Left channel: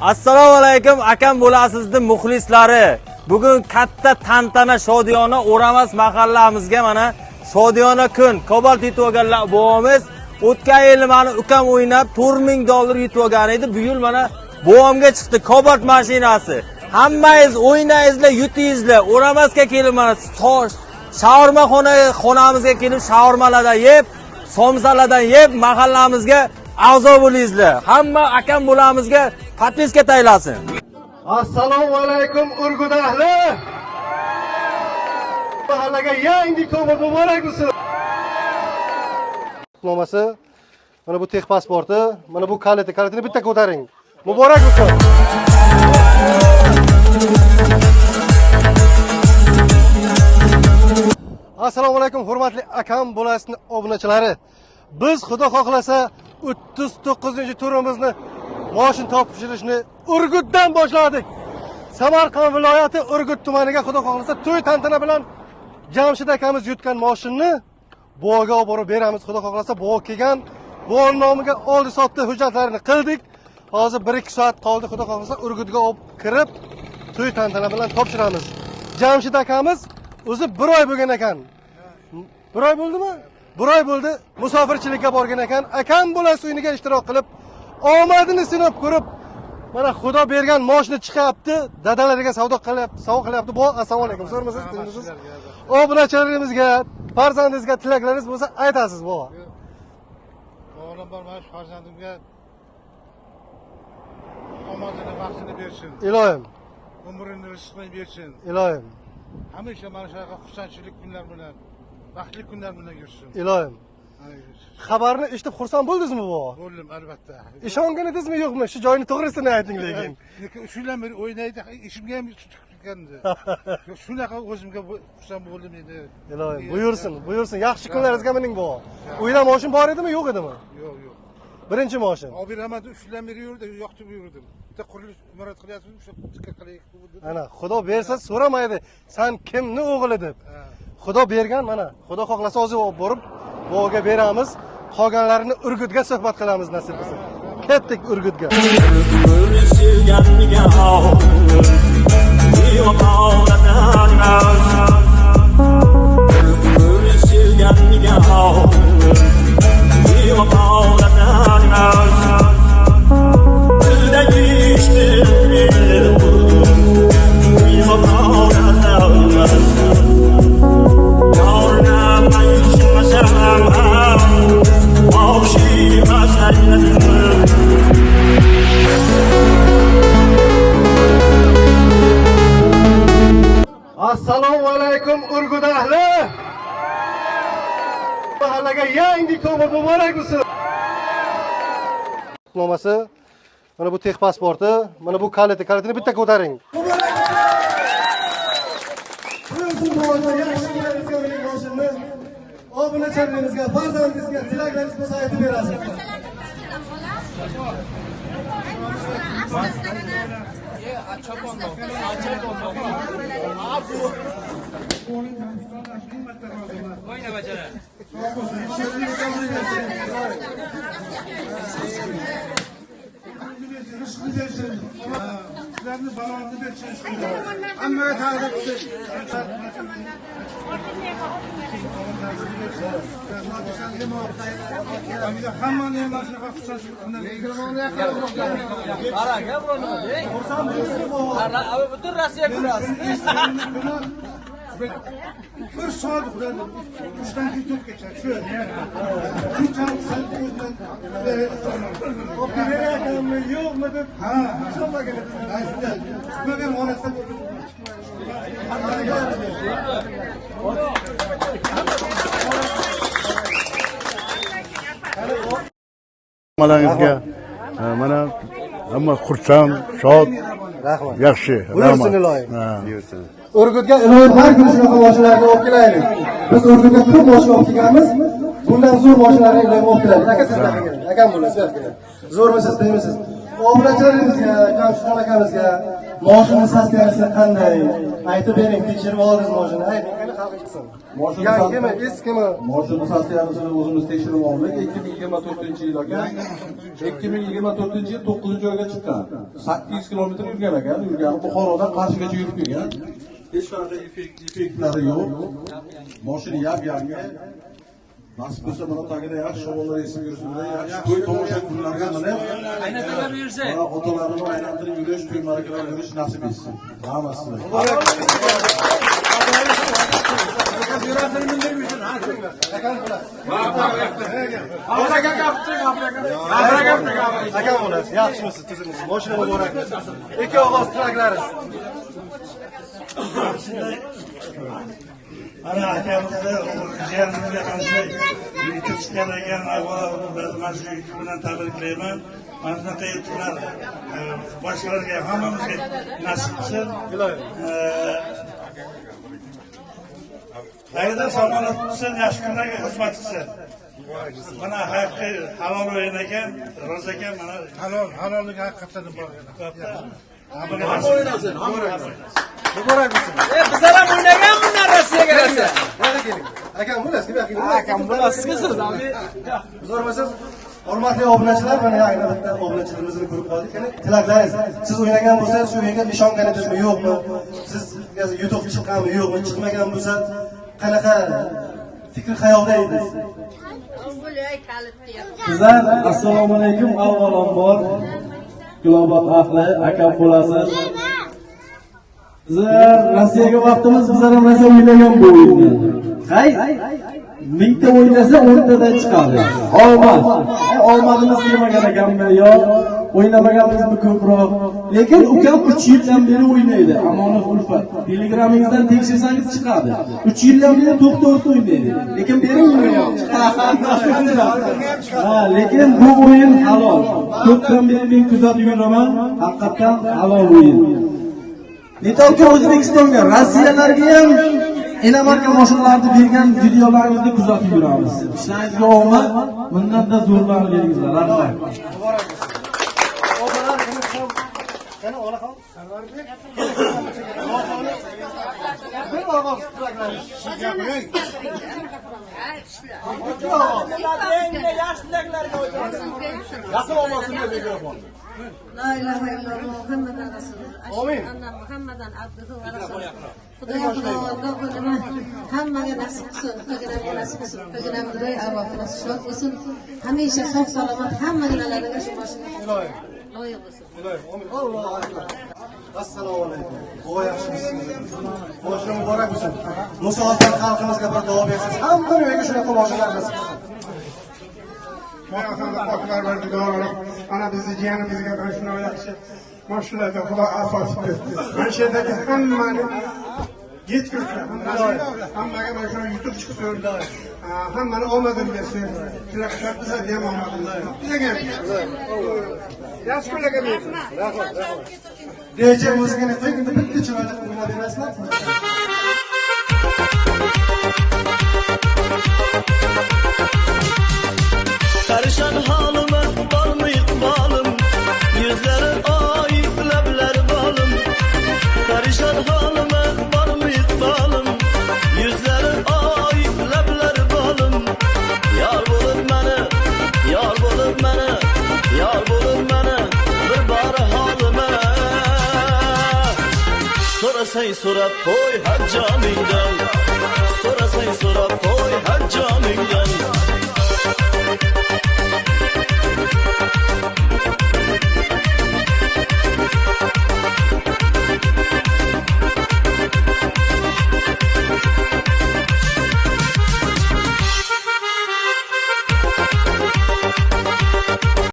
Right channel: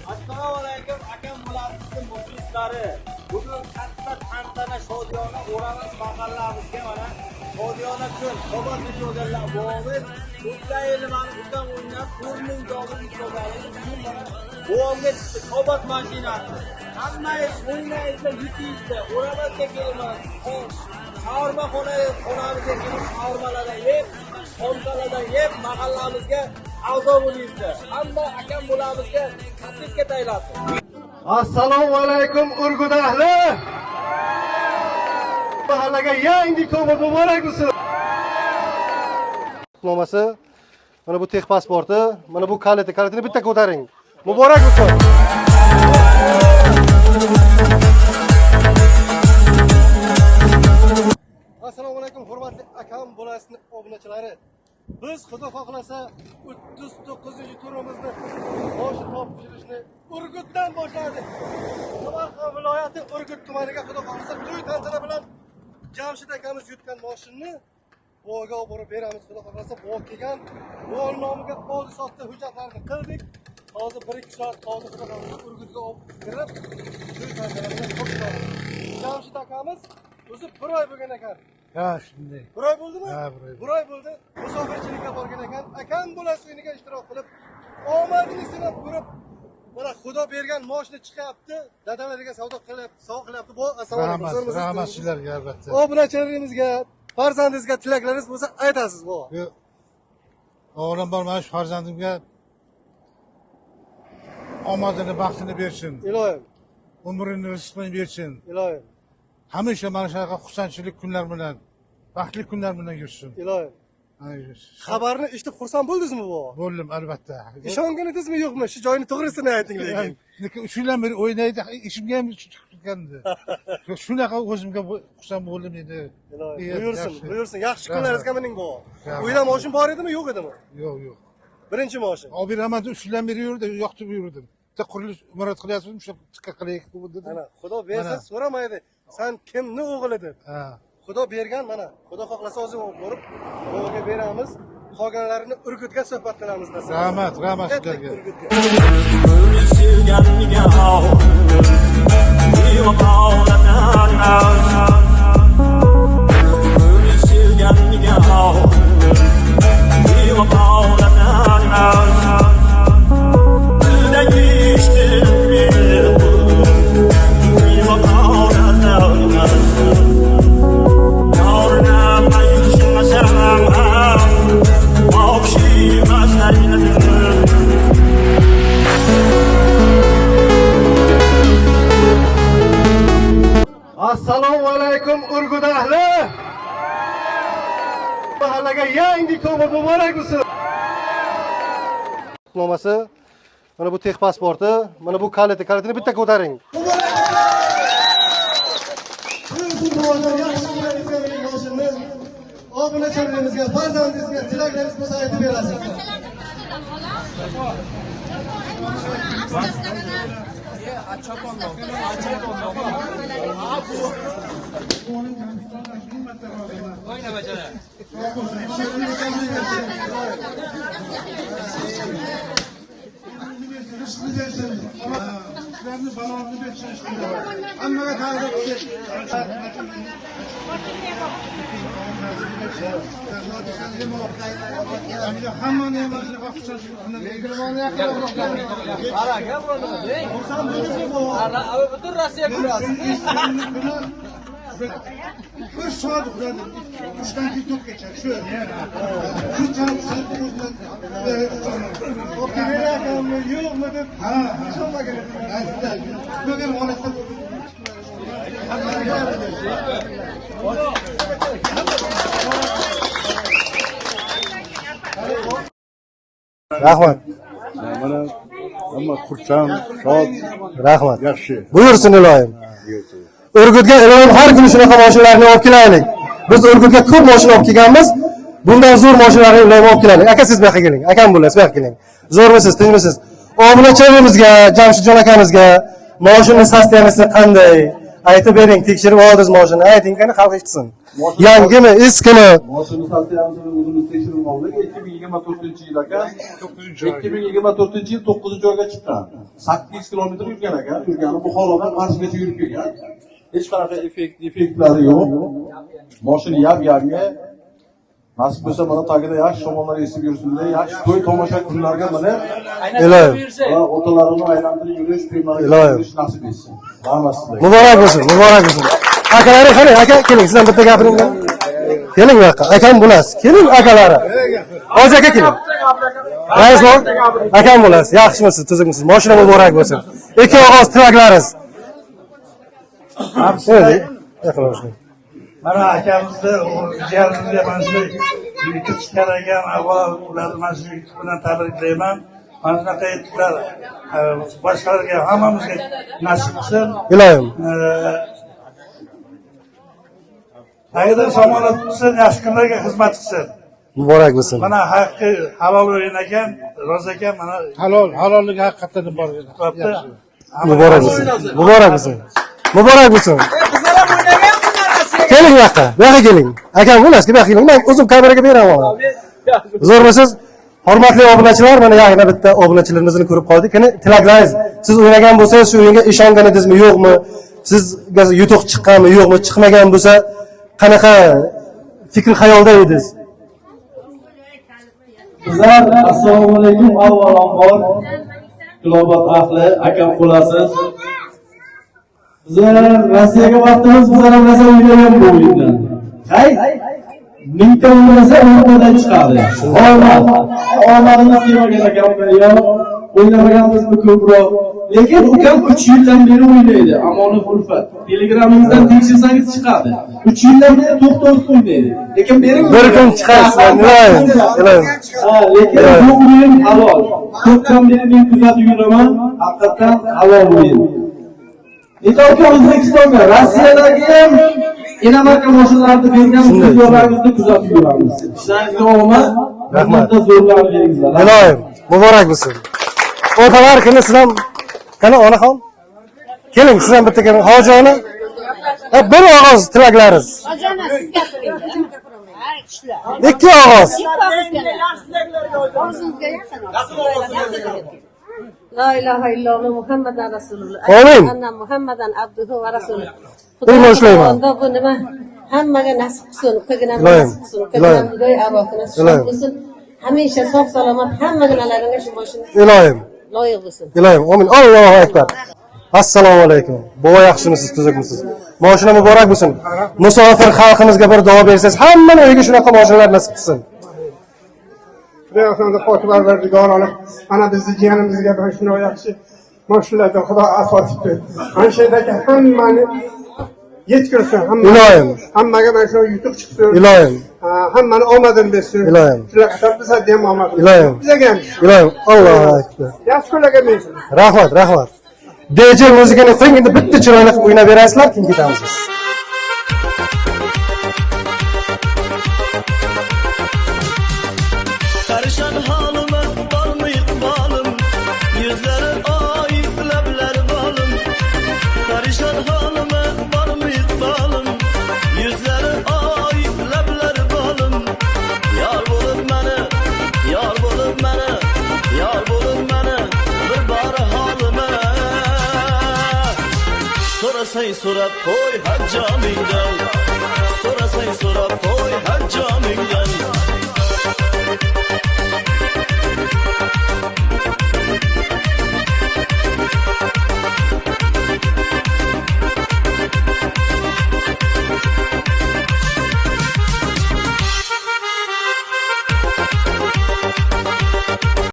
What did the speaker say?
Assalomu alaykum akam bo'lasizning muxlislari. Bugun katta tantana shodiyona O'ramas mahallamizga mana shodiyona kun Cobalt yutib olganlar buvamiz. O'tgan yil meni ukam o'ynab $4000 yutib olgan edi. Bu yil mana buvamga chiqdi Cobalt mashinasi. Hammangiz o'ynaysizlar, yutingizlar. O'ramasga kelib mana shaurma xonamizga kelib shaurmalardan yeb, somsalardan yeb mahallamizga a'zo bo'lingizlar. Hamma akam bo'lamizga podpiska taylasin. Assalomu alaykum Urgut ahli. Mahallaga yangi Cobalt muborak bo'lsin. Nomasi mana bu tex pasporti, mana bu kalitini bitta ko'taring. Muborak bo'lsin. Assalomu alaykum hurmatli akam bo'lasizning obunachilari. Biz xudo xohlasa 39-turimizni moshin topshirishni Urgutdan boshladik. Samarqand viloyati Urgut tumaniga xudo xohlasa to'y tantana bilan Jamshid akamiz yutgan moshinni buvaga olib borib beramiz. Xudo xohlasa buva kelgan, buva nomiga oldi sotdi hujjatlarini qildik. Hozir 1-2 soat qoldi. Xudo xohlasa Urgutga olib kirib to'y tantana bilan topshiramiz. Jamshid akamiz o'zi 1 oy bo'lgan ekan. Ha, shunday. 1 oy bo'ldimi? Ha, 1 oy bo'ldi. Musofirchilikka borgan ekan. Akam bilan suyniga ishtirok qilib, omadini sinab ko'rib, mana Xudo bergan moshina chiqyapti. Dadalariga savdo qilyapti, sovg'a qilyapti. Bu assalomu alaykum. Sizlarga albatta. Obunachilarimizga, farzandingizga tilaklaringiz bo'lsa aytasiz, bova. O'g'lim bor, mana shu farzandimga omadini, baxtini bersin. Ilohim. Umrini, rizqini bersin. Ilohim. Hamisha mana shunaqa xursandchilik kunlar bilan, baxtli kunlar bilan yursin. Ilohim. Xabarni eshitib xursand bo'ldingizmi, bova? Bo'ldim, albatta. Ishongan edingizmi, yo'qmi? Shu joyni to'g'risini ayting lekin. Lekin shundan beri o'ynaydi, ishimga ham chiqgandi. Shunaqa o'zimga xursand bo'ldim edi. Ilohim, buyursin. Yaxshi kunlaringizga mining, bova. Uyda moshin bor edimi, yo'q edimi? Yo'q. Birinchi moshin. Obir Ahmad shundan beri yurdi, yoqtib yurdim. Bitta qurilish imorat qilyapsiz, shu tikka qilaylik dedi. Mana Xudo bersa so'ramaydi. Sen kimni o'g'li deb. Xudo bergan, mana Xudo xohlasa o'zi olib borib buvaga beramiz. Qolganlarini Urgutga suhbat qilamiz nasib. Rahmat. Ketdik Urgutga. Assalomu alaykum Urgut ahli. Mahallaga yangi Cobalt muborak bo'lsin. Nomasi mana bu tex pasporti, mana bu kalitini bitta ko'taring. Obunachilarimizga, farzandingizga tilaklaringiz bo'lsa aytib berasiz. Oyna bachara. Sizlarni balonni bersin. Hammaga ta'rif qilib. Hammani ham shunaqa xursandchilik Butun Rossiya ko'rasiz. Bir soat uxladim. 3dan keyin 4gacha shu. Shunchalik o'zidan Opera akamni yo'qmi deb ishonmagan edim. Kutilmagan holatda bo'ldim. Mana hamma xursand, shod, Rahmat. yaxshi. Buyursin ilohim. Urgutga ilohim har kuni shunaqa mashinalarni olib kelaylik. Biz Urgutga ko'p mashina olib kelganmiz. Bundan zo'r mashinalarni ilohim olib kelaylik. Aka siz bu yoqqa keling. Akam bo'lasiz, bu yoqqa keling. Zo'rmisiz, tinchmisiz? Obunachilarimizga, Jamshidjon akamizga mashina sostoyaniyasi qanday? aytib bering, tekshirib oldingiz mashinani, ayting qani xalq eshitsin. Yangimi, eskimi? Mashina sostavimizni o'zimiz tekshirib oldik. 2024-yil ekan. 2024-yil 9-oyga chiqqan. 800 kilometr yurgan ekan. Yurgani Buxorodan Qarshagacha yurib kelgan. Hech qanaqa effektlari yo'q. Mashina yangi. Nasib bo'lsa mana tagida yaxshi shamollar esib yursin-da, yaxshi to'y tomosha kunlarga mana Ilohim. otalarini aylantirib yurish, to'ylarga yurish nasib etsin. Rahmat sizlarga. Muborak bo'lsin, muborak bo'lsin. Akalari qani? Aka, keling, sizdan bitta gapiring bor. Keling bu yoqqa. Akam bo'lasiz. Keling akalari. Hozir aka keling. Raisbon, akam bo'lasiz. Yaxshimisiz, tuzukmisiz? Mashina muborak bo'lsin. Ikki og'iz tilaklaringiz. Mana akamizni, jiyanimizni mana shu YouTube chiqqan ekan, avvalo ularni mana shu YouTube bilan tabriklayman. Mana shunaqa yutuqlar boshqalarga hammamizga nasib qilsin. Ilohim. Qayerdan omonat qilsin, yaxshi kunlarga xizmat qilsin. Muborak bo'lsin. Mana haqqi halol o'yin ekan, roza ekan, mana Halolligi haqiqatdan bor. Muborak bo'lsin. Muborak bo'lsin. Muborak bo'lsin. Keling bu yoqqa. Bu yoqqa keling. Akam bo'lasiz, bu yoqqa keling. Men o'zim kameraga beraman. Zo'rmisiz? Hurmatli obunachilar, mana yana bitta obunachilarimizni ko'rib qoldik. Qani tilaklaringiz. Siz o'ynagan bo'lsangiz, shu o'yinga ishongan edingizmi, yo'qmi? Sizga yutuq chiqqanmi, yo'qmi? Chiqmagan bo'lsa, qanaqa fikr xayolda edingiz? Sizlar assalomu alaykum. Avvalambor Global ahli akam bo'lasiz. Bizlar Rossiyaga vaqtimiz bizlar ham rosa o'ynagan bu o'yindan. Hay, mingta o'ynasa 10tadan chiqadi. Omadimiz kelmagan ekanmi yo o'ynamaganmizmi ko'proq. Lekin ukam 3 yildan beri o'ynaydi. Amonat Ulfat. Telegramimizdan tekshirsangiz chiqadi. 3 yildan beri to'xtovsiz o'ynaydi. Lekin beri Bir kun chiqarsan, lekin bu o'yin halol. Ko'pdan beri men kuzatib yuraman. Haqiqatan halol o'yin. Netoki O'zbekistonga, Rossiyalarga ham inomarka mashinalarni bergan videolarimizni kuzatib yuramiz. Ishlaringizga omad, rahmatda zo'rlaringizlar. Ilohim, muborak bo'lsin. Otalar kuni sizdan qani onaxon? Keling, sizdan bitta keling. Hoji ona. Bir og'iz tilaklaringiz. Hojona sizga Ikki og'iz. La ilahe illallah Muhammadan Rasulullah. Amin. Anna Muhammadan abduhu va rasuluh. Bir boshlayman. Bu nima? Hammaga nasib qilsin, qilgan Ilohim. nasib qilsin. Ilohim. Xudoy arvohini Ilohim. qilsin. Hamisha sog' salomat hammaga nalaringa shu boshini Ilohim. loyiq bo'lsin. Ilohim. Amin. Allohu akbar. Assalomu alaykum. Bova yaxshimisiz, tuzukmisiz? Mashina muborak bo'lsin. Musofir xalqimizga bir duo bersangiz, hammaning uyiga shunaqa mashinalar nasib qilsin. Xudo Parvardigorona ana bizni jiyanimizga mana shunday yaxshi mashinalarga Xudo asos berdi. Mana shu yerdagi hammani yetkazsin, hammaga mana shu yutuq chiqsin. Ilohim. Hammani omadini bersin. Ilohim. Shular qilib bizga ham omad. Ilohim. Bizga ham. Ilohim. Allohu akbar. Yaxshi kunlarga bersin. Rahmat, rahmat. DJ muzikani qo'ying, endi bitta chiroyli qilib o'ynab berasizlar, keyin ketamiz. Karışan halime var mı ikbalım? Yüzleri ayıp lebleri balım. Karışan halime var mı ikbalım? Yüzleri ayıp lebleri balım. Yar bulup beni, yar bulup beni, yar bulup beni bir bari halime. Sorasay sorap koy her camiden. Sorasay sorap koy her camiden.